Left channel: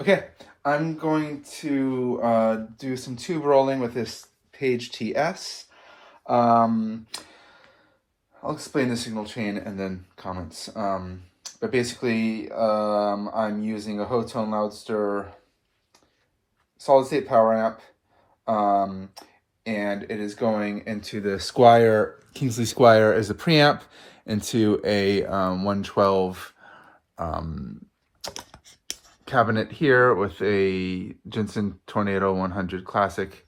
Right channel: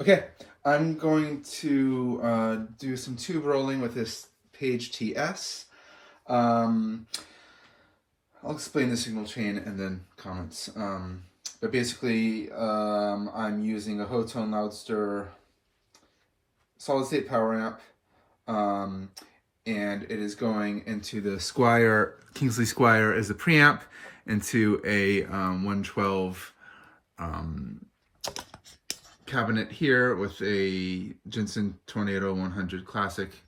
Okay, I'm going to do some tube rolling with this Page TS. I'll explain the signal chain and then comments. But basically, I'm using a Hotone Loudster solid state power amp, and it is going into the Squire, Kingsley Squire as a preamp, into a 112 cabinet here with a Jensen Tornado 100 Classic.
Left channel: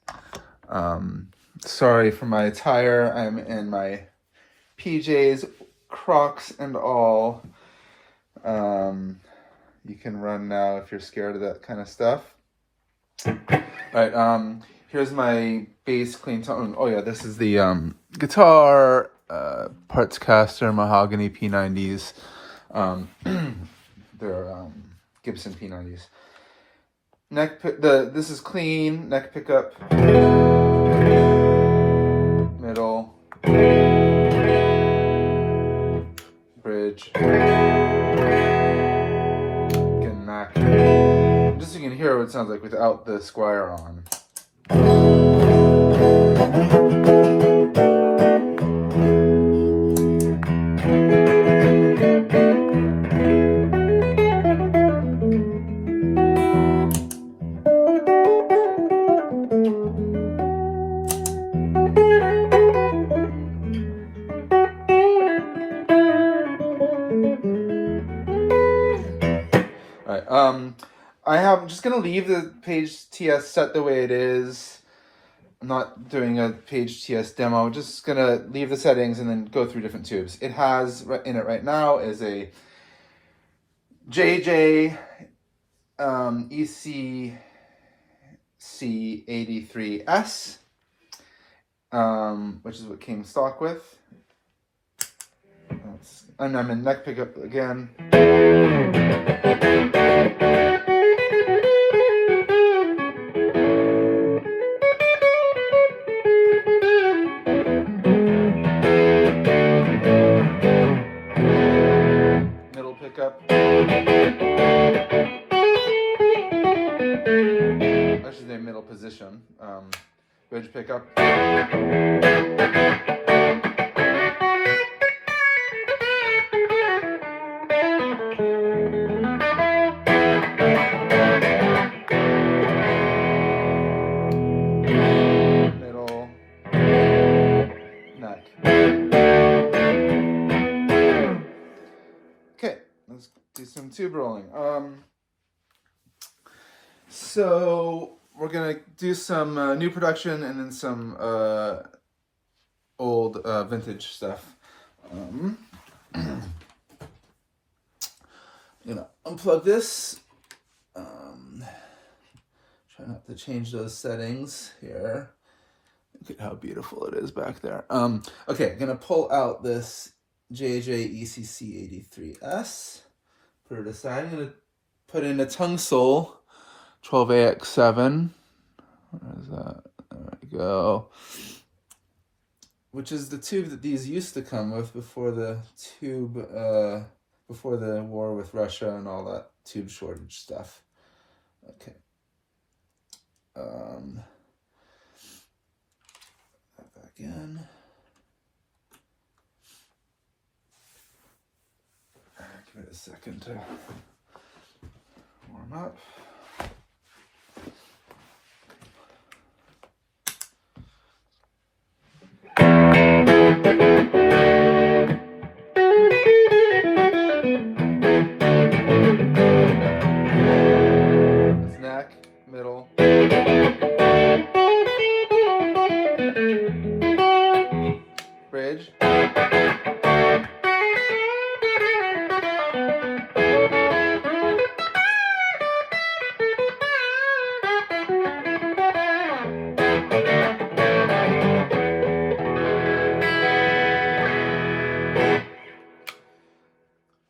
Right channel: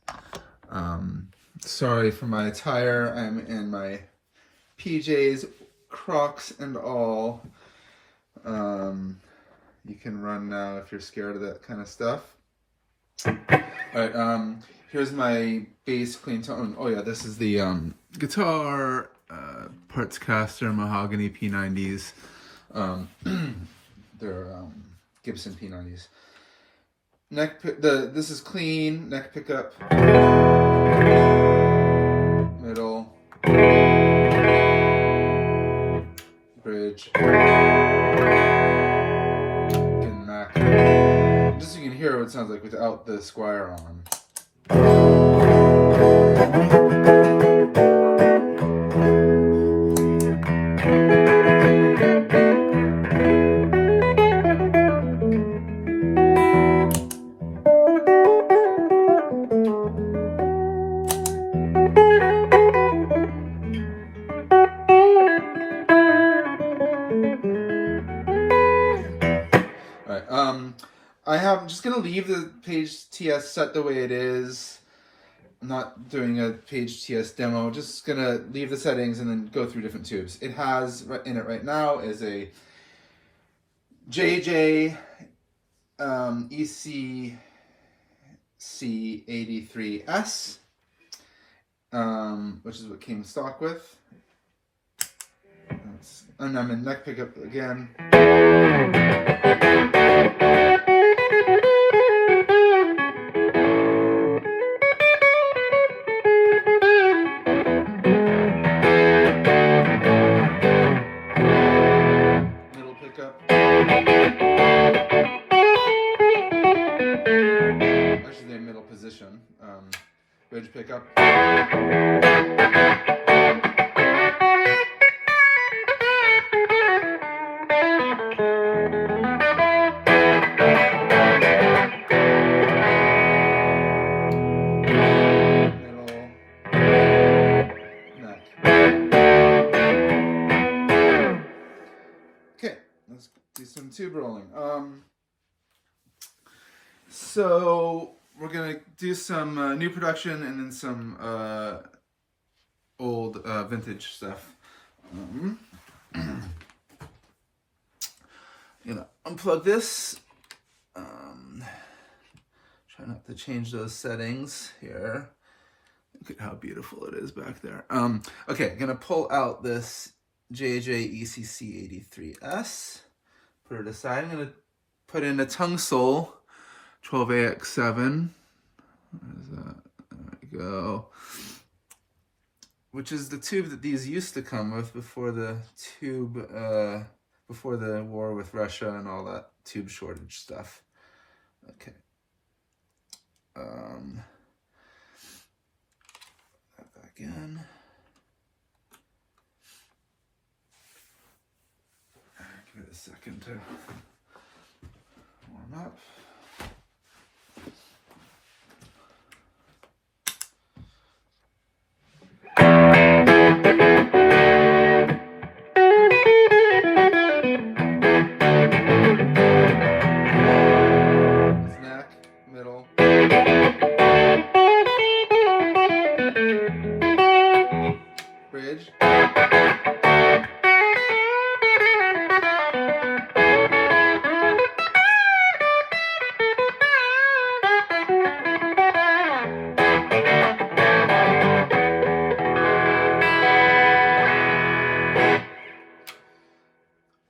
Sorry for my attire. I'm in my PJs, Crocs and all. You can run now if you're scared of that kind of stuff. All right, here's my bass clean tone. Oh yeah, this is the guitar parts caster mahogany P90s. They're Gibson P90s. This is clean, neck pickup, middle, bridge, and neck. Just so you can hear what it sounds like without the Squire on. I'm just going to leave the Page TS set the way it is. I'm not doing a Page TS demo. I'm just going to leave the settings and then go through different tubes. It has in it right now is a JJ ECC83S, which is what came stock with. And I'm in neck pickup again. Middle pickup. Actually, the middle position. Bridge pickup. Let's do some tube rolling. So we're gonna do some new production and then some old vintage stuff. I'm gonna unplug this. Try not to change those settings here. Look at how beautiful it is back there. Okay, gonna pull out this JJ ECC83S. Put it aside. I'm going to put in a tungsol 12AX7. Where's that? There we go. Which is the tube that these used to come with before the before the war with Russia and all that tube shortage stuff. Okay. That back in. Give it a second to warm up. This neck, middle. Bridge.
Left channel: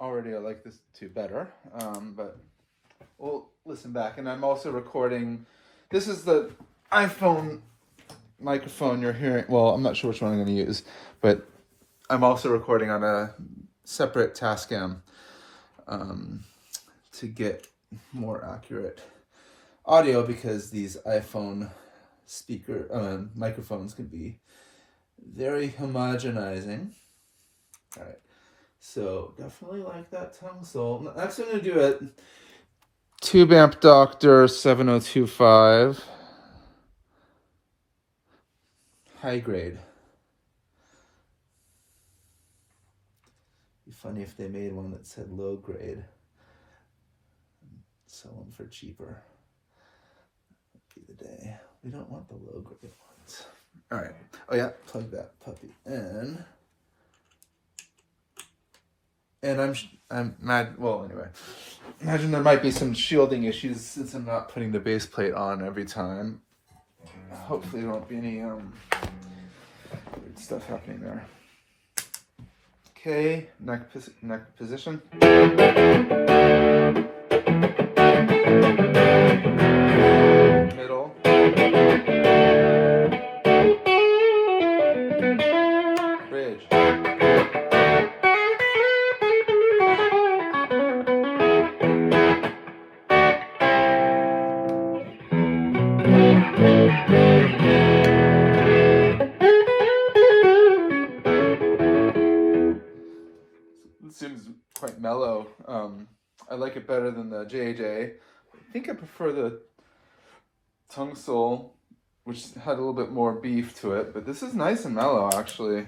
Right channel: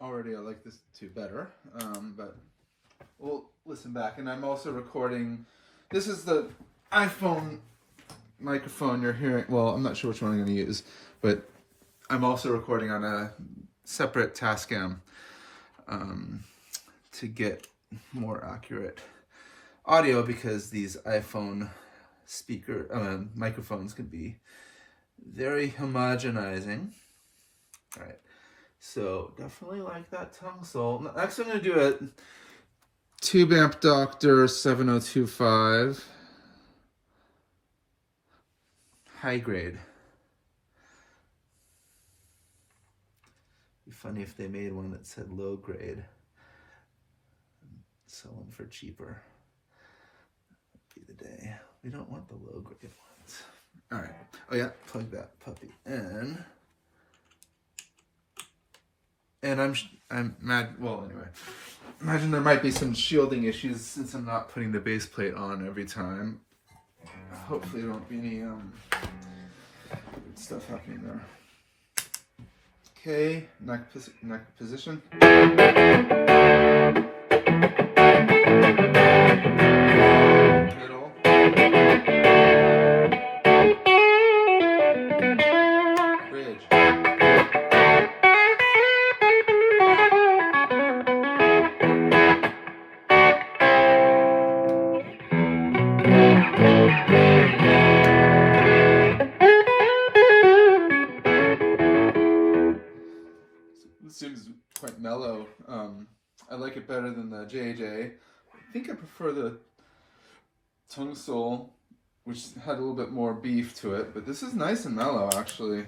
Already I like this too better, but we'll listen back. And I'm also recording, this is the iPhone microphone you're hearing. Well, I'm not sure which one I'm going to use, but I'm also recording on a separate Tascam to get more accurate audio, because these iPhone microphones can be very homogenizing. All right, so definitely like that tungsol. Next I'm going to do a Tube Amp Doctor 7025 high grade. It'd be funny if they made one that said low grade. Sell them for cheaper. That'd be the day. We don't want the low grade ones. All right. Oh yeah, plug that puppy in. And I'm mad. Well, anyway, imagine there might be some shielding issues since I'm not putting the base plate on every time. Hopefully there won't be any weird stuff happening there. Okay, neck position. Middle. Bridge. It seems quite mellow. I like it better than the JJ. I think I prefer the tungsol, which had a little bit more beef to it, but this is nice and mellow actually.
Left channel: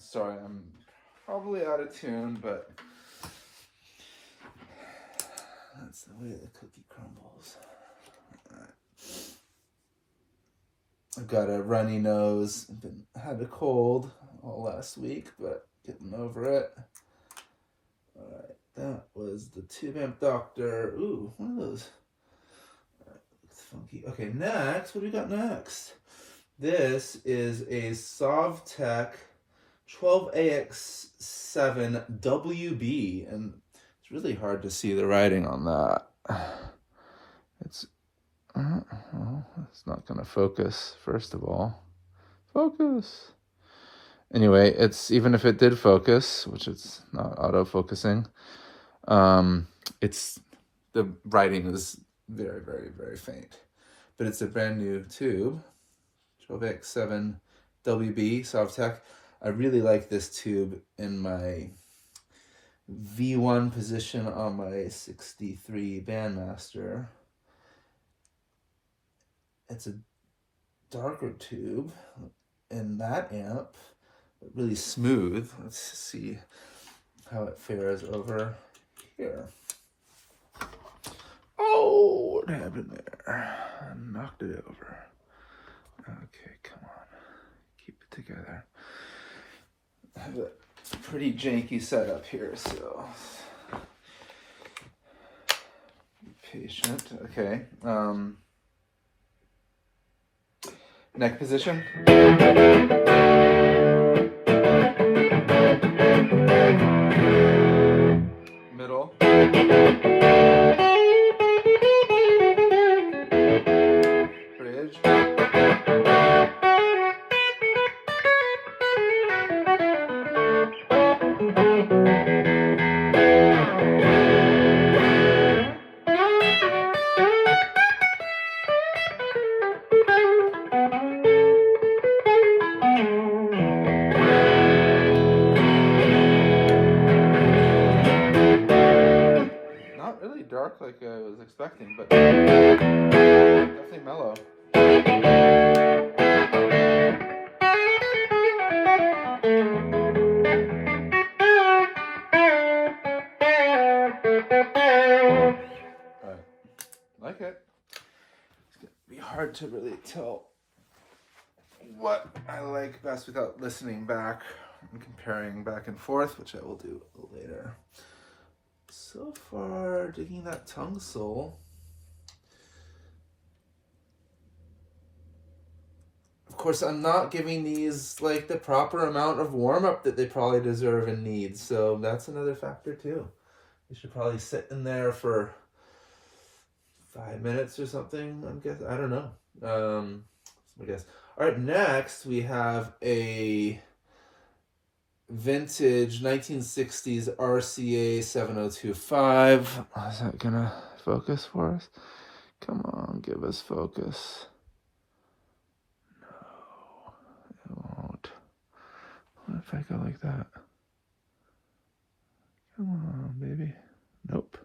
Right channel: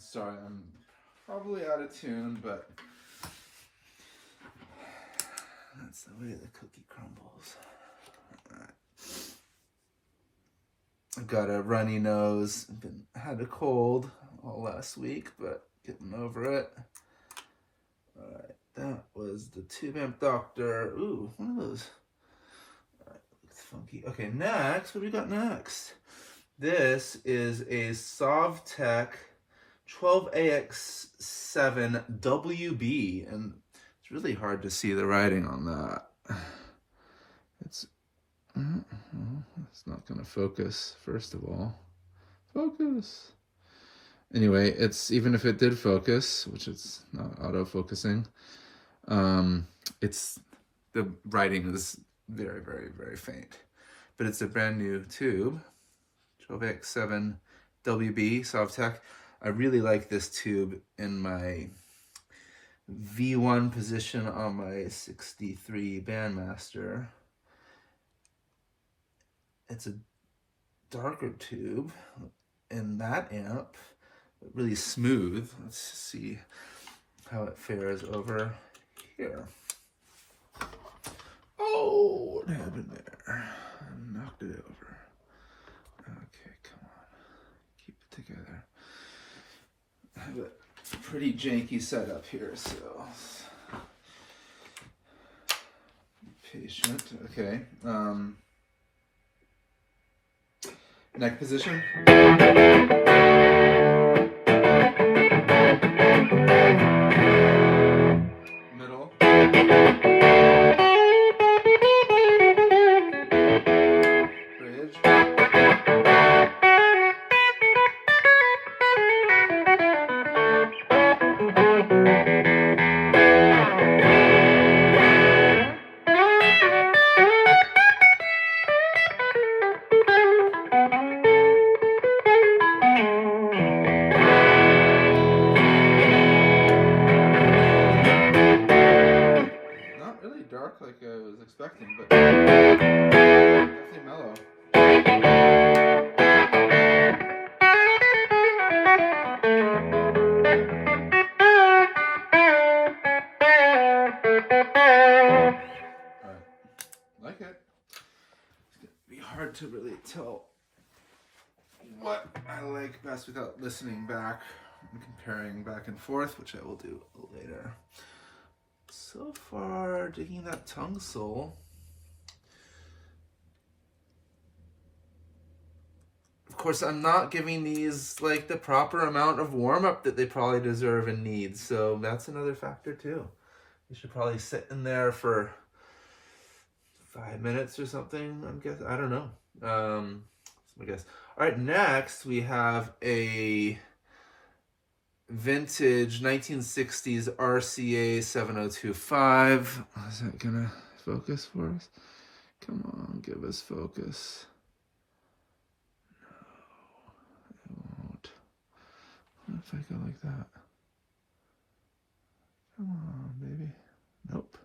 Sorry, I'm probably out of tune, but that's the way the cookie crumbles. All right. I've got a runny nose. Had a cold all last week, but getting over it. All right, that was the Tube Amp Doctor. Ooh, one of those. All right, looks funky. Okay, next, what do we got next? This is a Sovtek 12AX7 WB, and it's really hard to see the writing on that. It's not going to focus, first of all. Focus. Anyway, it's even if it did focus, which it's not auto-focusing, it's the writing is very, very, very faint. But it's a brand new tube, 12AX7 WB Softek. I really like this tube in my V1 position on my 63 Bandmaster. It's a darker tube in that amp, but really smooth. Let's see how it fares over here. Oh, what happened there? I knocked it over. Okay, come on. Keep it together. I have a pretty janky setup here, so be patient. Okay. Neck position. Middle. Bridge. Dark like I was expecting, but definitely mellow. Alright, like it. It's gonna be hard to really tell what I like best without listening back and comparing back and forth, which I will do later. So far, digging that tungsol. Of course, I'm not giving these like the proper amount of warm-up that they probably deserve and need, so that's another factor too. You should probably sit in there for 5 minutes or something, I'm guessing. I don't know. I guess. All right, next we have a vintage 1960s RCA 7025. Is that gonna focus for us? Come on, give us focus. No, it won't. What if I go like that? Come on, baby. Nope.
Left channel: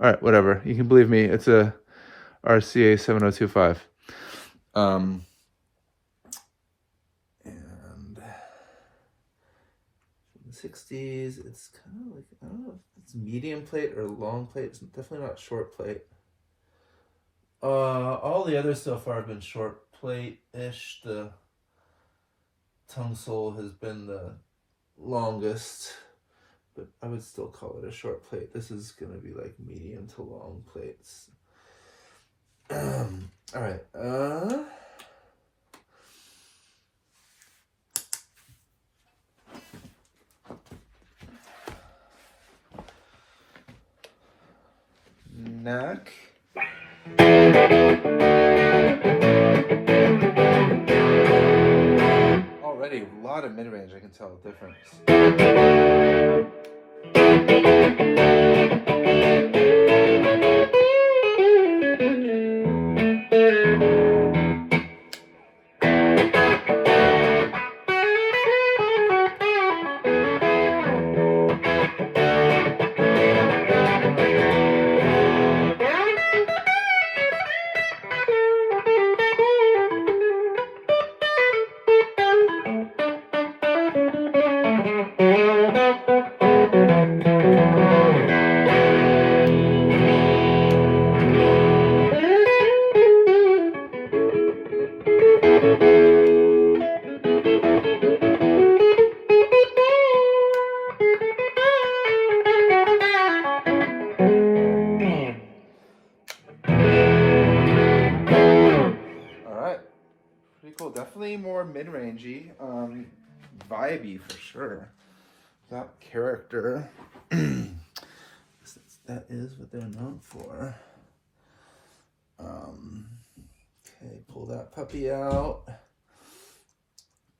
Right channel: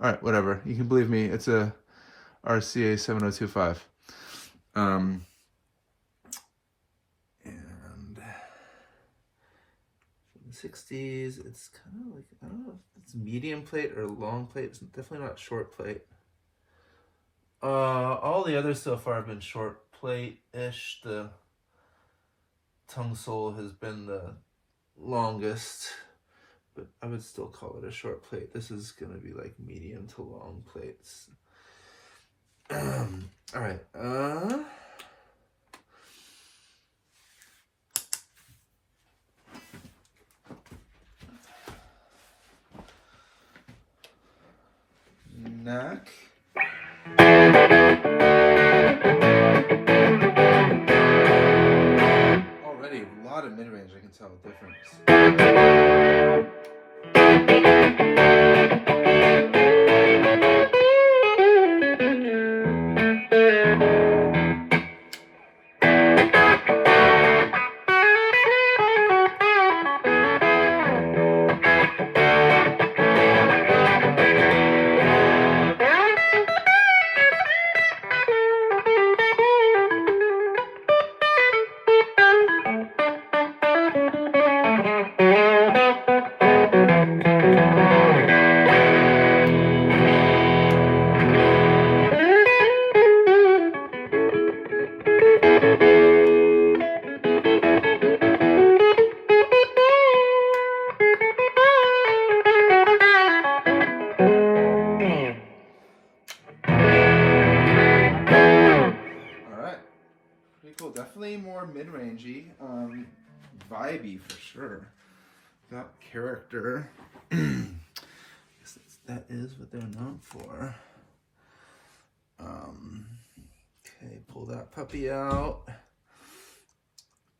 All right, whatever. You can believe me. It's a RCA 7025. And in the 60s, it's kind of like, I don't know if it's medium plate or long plate. It's definitely not short plate. All the others so far have been short plate-ish. The tungsol has been the longest, but I would still call it a short plate. This is going to be like medium to long plates. All right. Neck. Already a lot of mid-range, I can tell the difference. Definitely more mid-rangey, vibey for sure. Got character. That is what they're known for. Okay, pull that puppy out.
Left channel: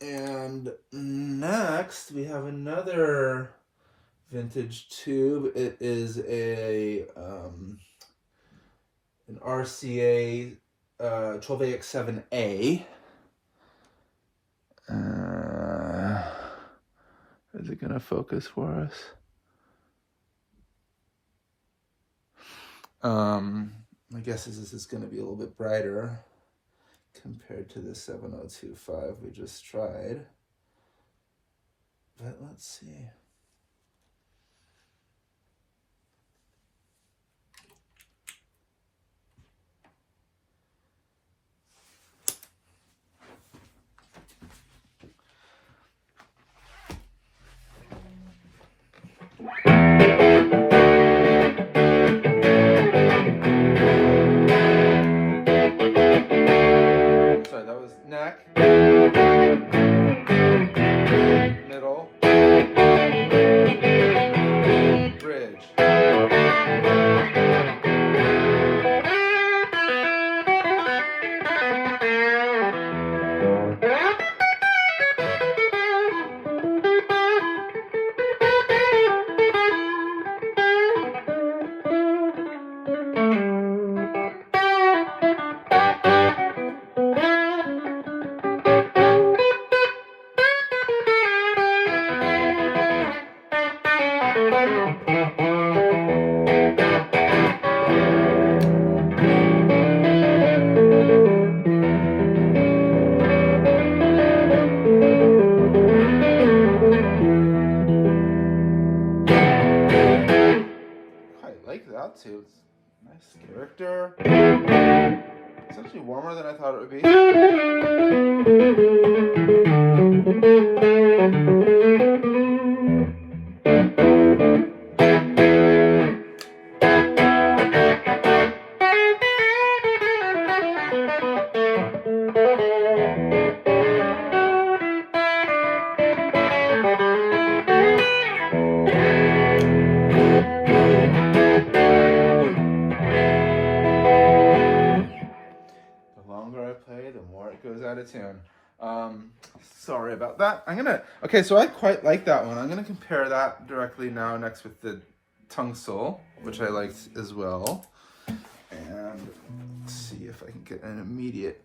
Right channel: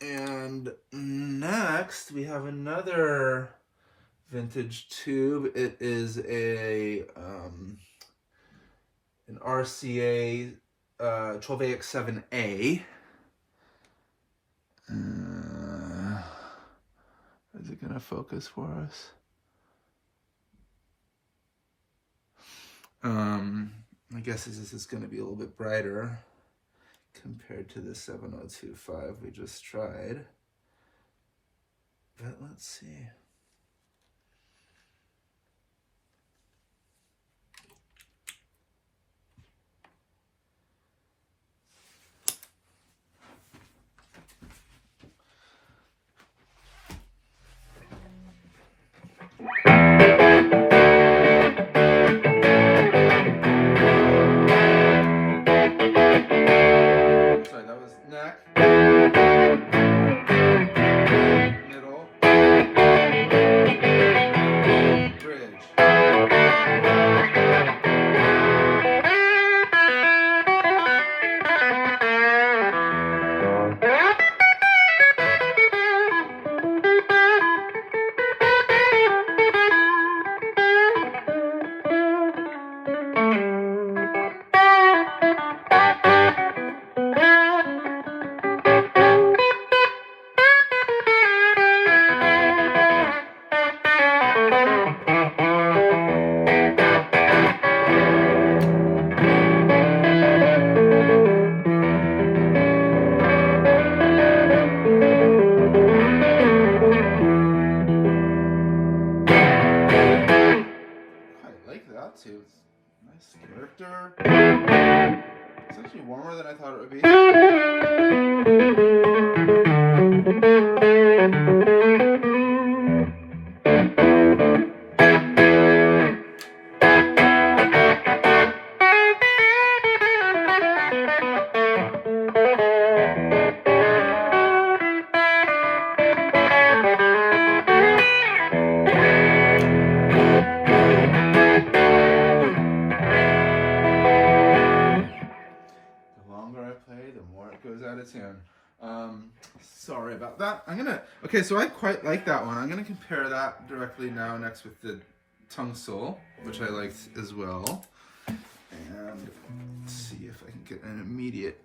And next we have another vintage tube. It is a an RCA 12AX7A. Is it gonna focus for us? I guess this is gonna be a little bit brighter compared to the 7025 we just tried. But let's see. Sorry, that was neck, middle, bridge. Too. It's nice character. It's actually warmer than I thought it would be. Sorry about that. Okay, so I quite like that one. I'm gonna compare that directly now next with the tungsol, which I liked as well. And see if I can get an immediate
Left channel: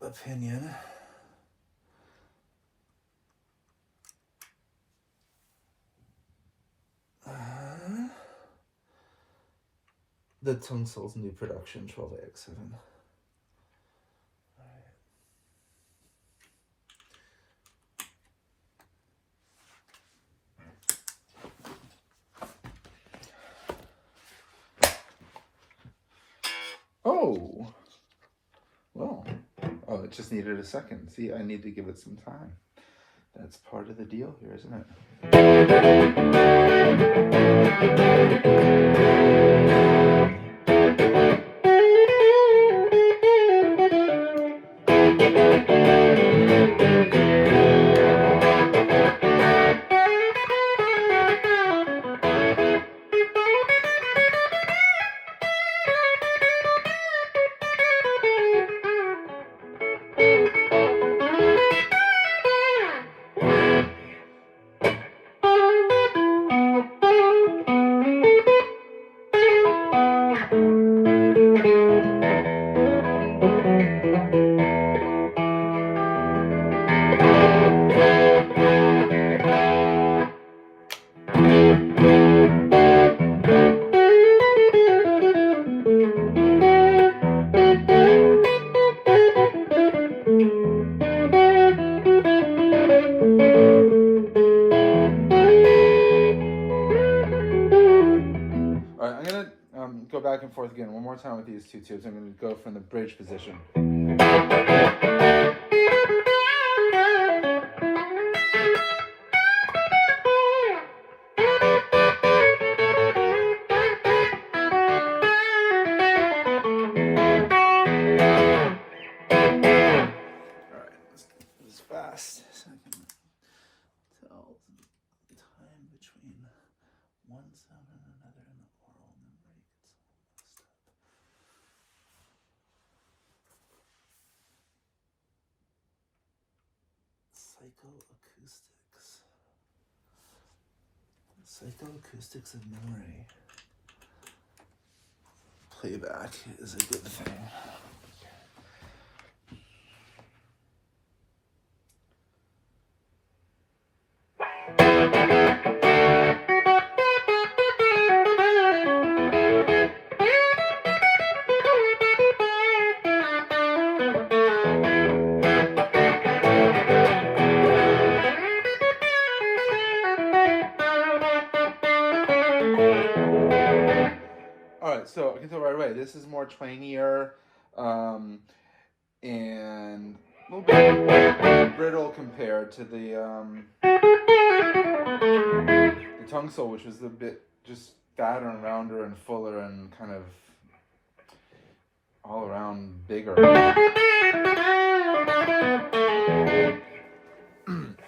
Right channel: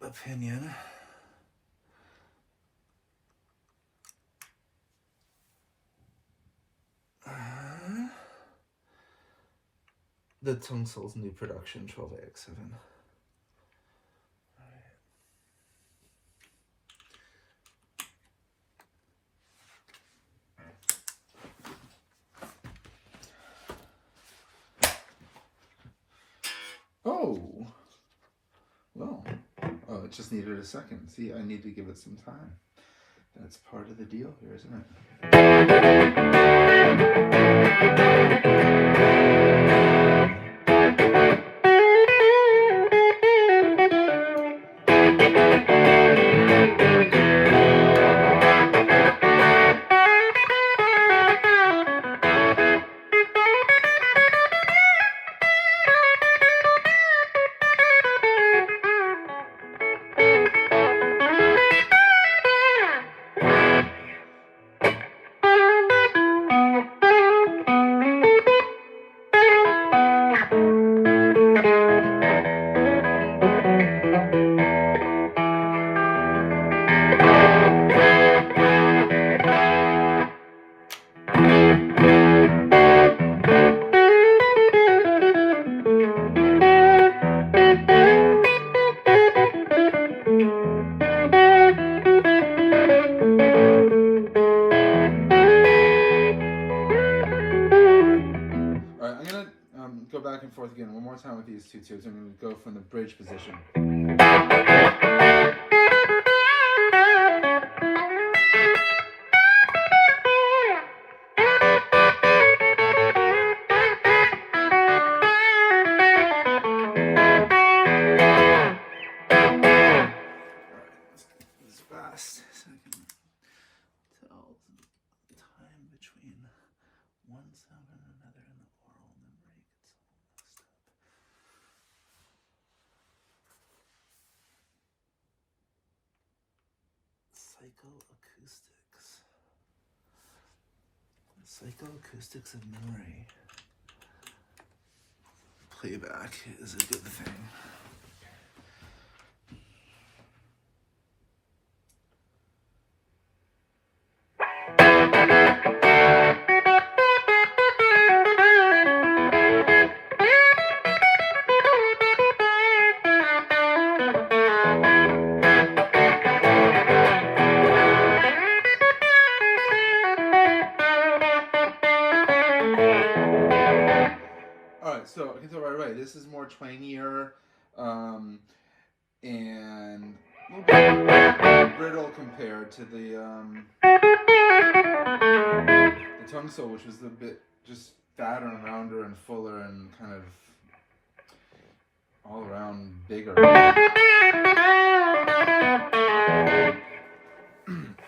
opinion. The tungsol's new production, 12AX7. Oh, well, oh, it just needed a second. See, I need to give it some time. That's part of the deal here, isn't it? Go back and forth again one more time with these two tubes. I'm going to go from the bridge position. Alright, let's do this fast so I can tell the time between one sound and another in the oral memory. Psychoacoustics of memory. Playback is a good thing. So I can tell right away, this is more twangier and a little bit brittle compared to the tungsol, which was a bit just fatter and rounder and fuller and kind of all around bigger. All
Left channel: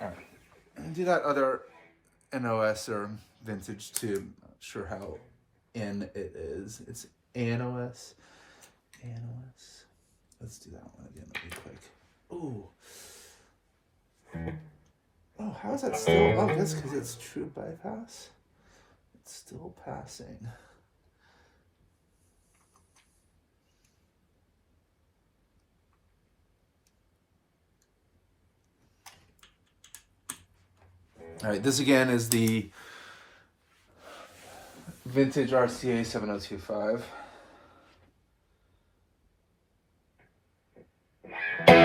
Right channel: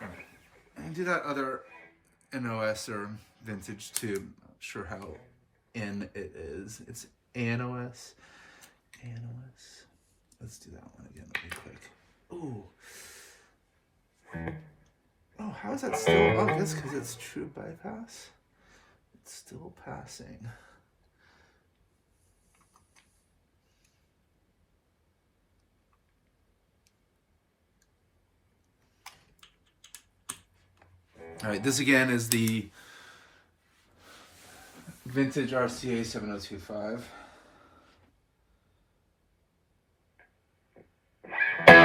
right, and do that other NOS or vintage too. Not sure how N it is. It's ANOS. ANOS. Let's do that one again really quick. Ooh. Oh, how is that still? Oh, that's because it's true bypass. It's still passing. All right, this again is the vintage RCA 7025. I'm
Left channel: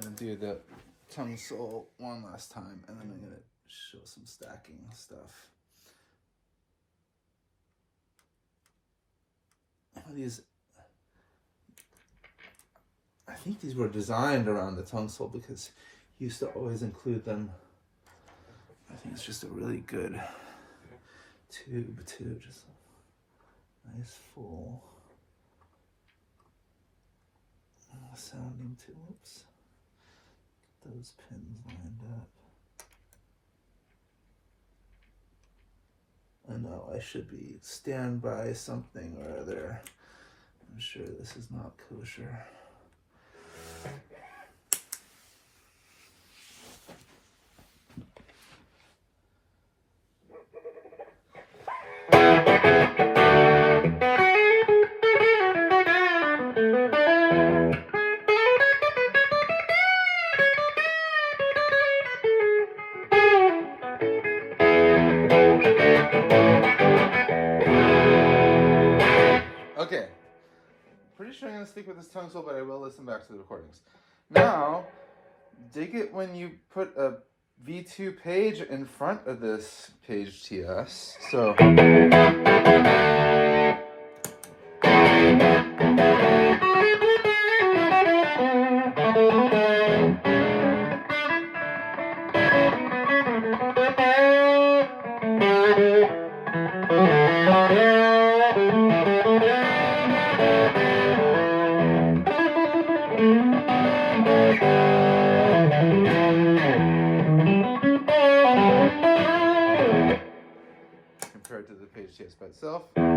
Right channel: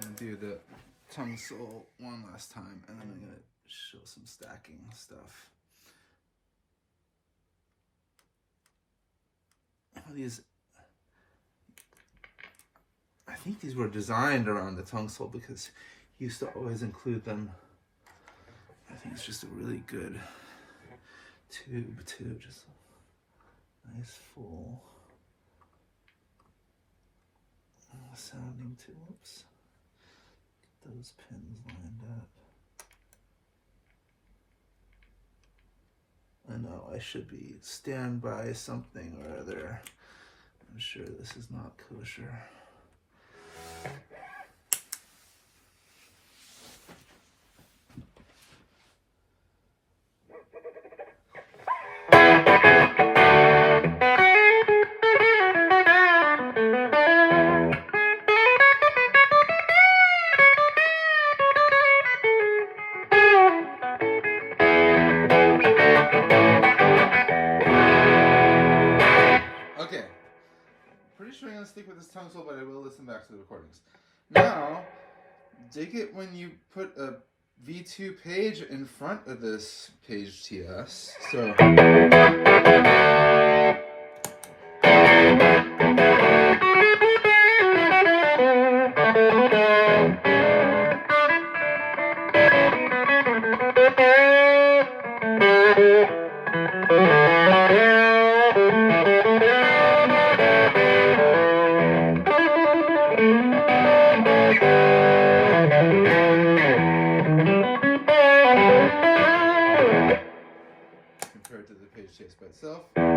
gonna do the tungsol one last time, and then I'm gonna show some stacking stuff. I think these were designed around the tungsol because he used to always include them. I think it's just a really good tube too, just a nice full sounding tube. Whoops. those pins lined up. I know I should be stand by something or other. I'm sure this is not kosher. Okay, pretty sure I'm going to stick with this tungsol, but I will listen back to the recordings. Now, dig it when you put a V2 page in front of this Page TS. So, compared to the Page TS by itself. I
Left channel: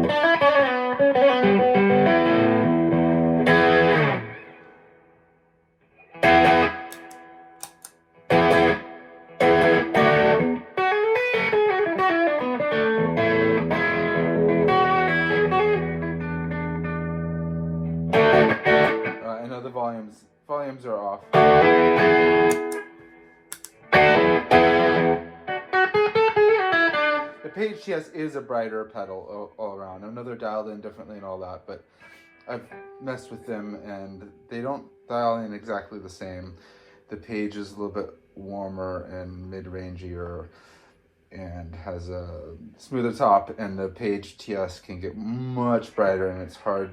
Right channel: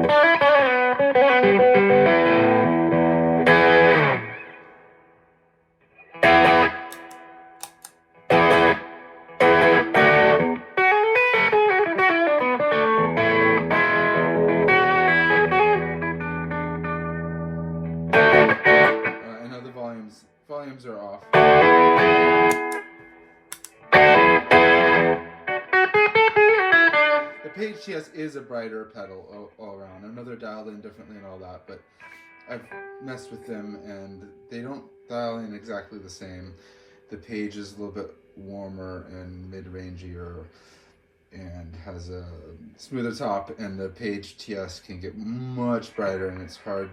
know the volumes are off. The Page TS is a brighter pedal all around. I know they're dialed in differently and all that, but I've messed with them and they don't dial in exactly the same. The Page is a little bit warmer and mid-rangier and has a smoother top, and the Page TS can get much brighter and it's hard.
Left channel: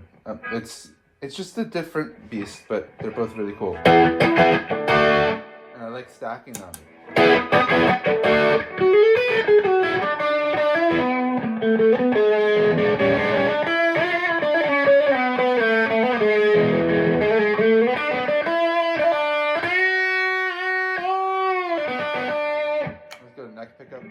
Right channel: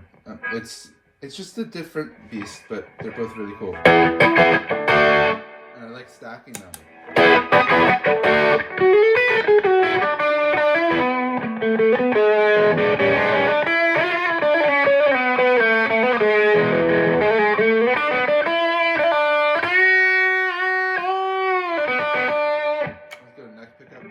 It's just a different beast, but they're both really cool. And I like stacking them. Let's go to neck pickup.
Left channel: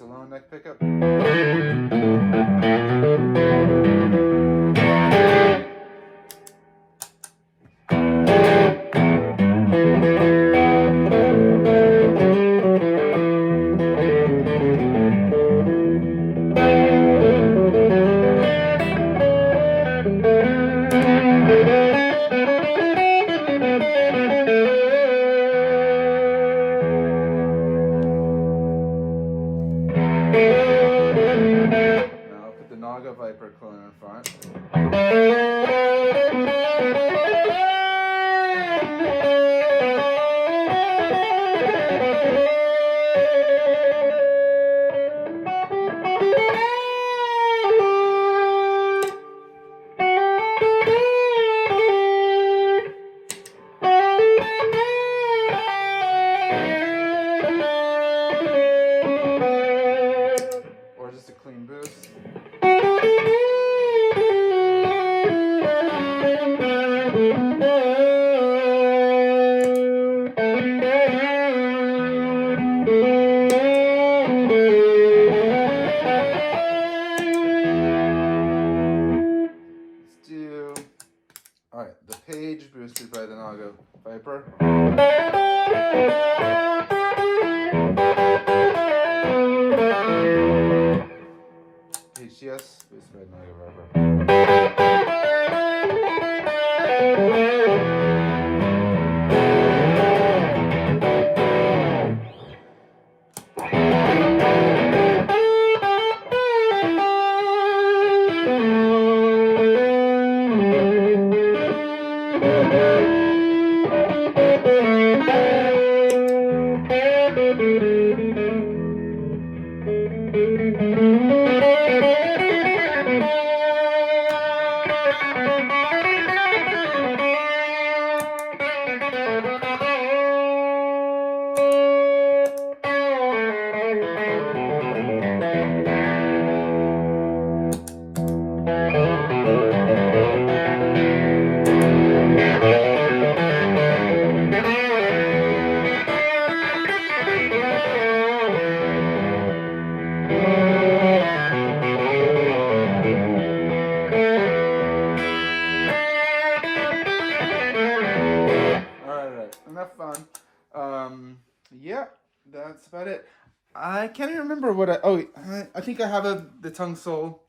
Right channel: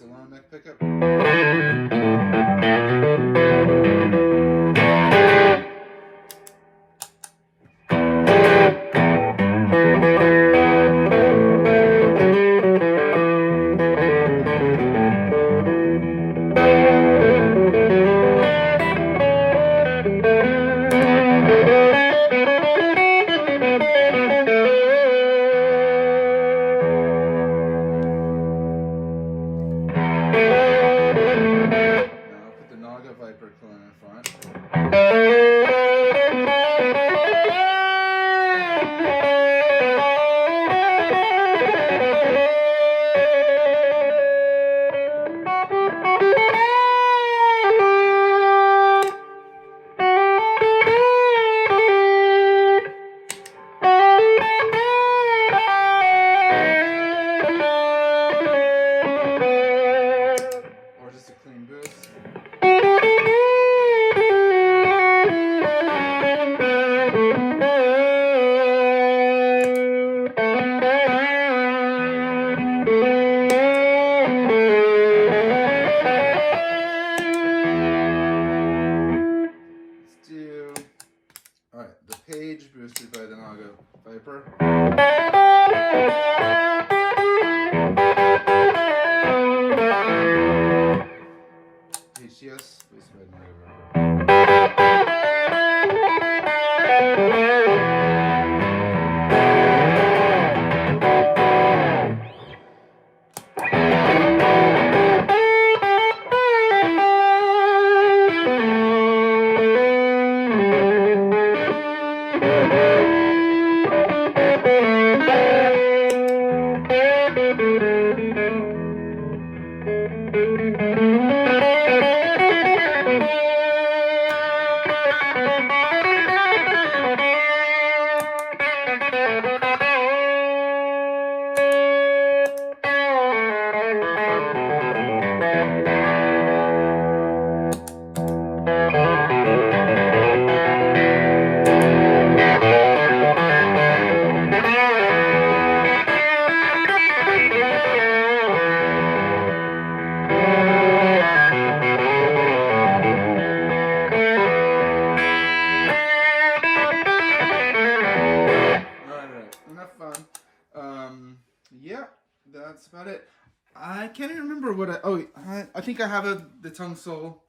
Alone neck pickup. Viper clone in front. Or just a clean boost. Alright, the Page boosted by the Naga Viper. Page TS boosted by the Naga Viper. on. Yeah, that's about it. I can't even remember what I think I have the tungsol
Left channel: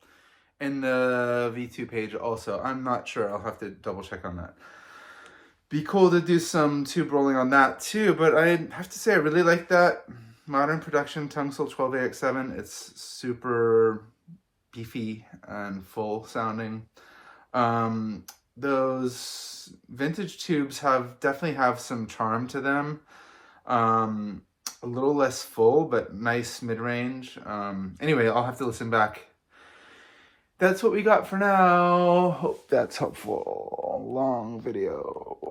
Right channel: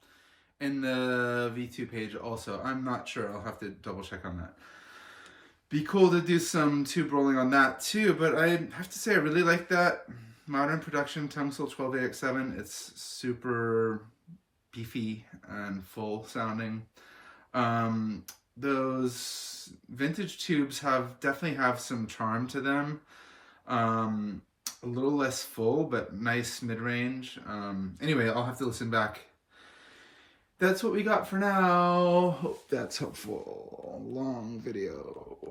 in the V2 page also. I'm not sure. I'll have to double check on that. Be cool to do some tube rolling on that too, but I have to say I really like that modern production tungsol 12AX7. It's super beefy and full sounding. Those vintage tubes definitely have some charm to them. A little less full, but nice mid-range. Anyway, I'll have to listen back. That's what we got for now. Hope that's helpful. Long video.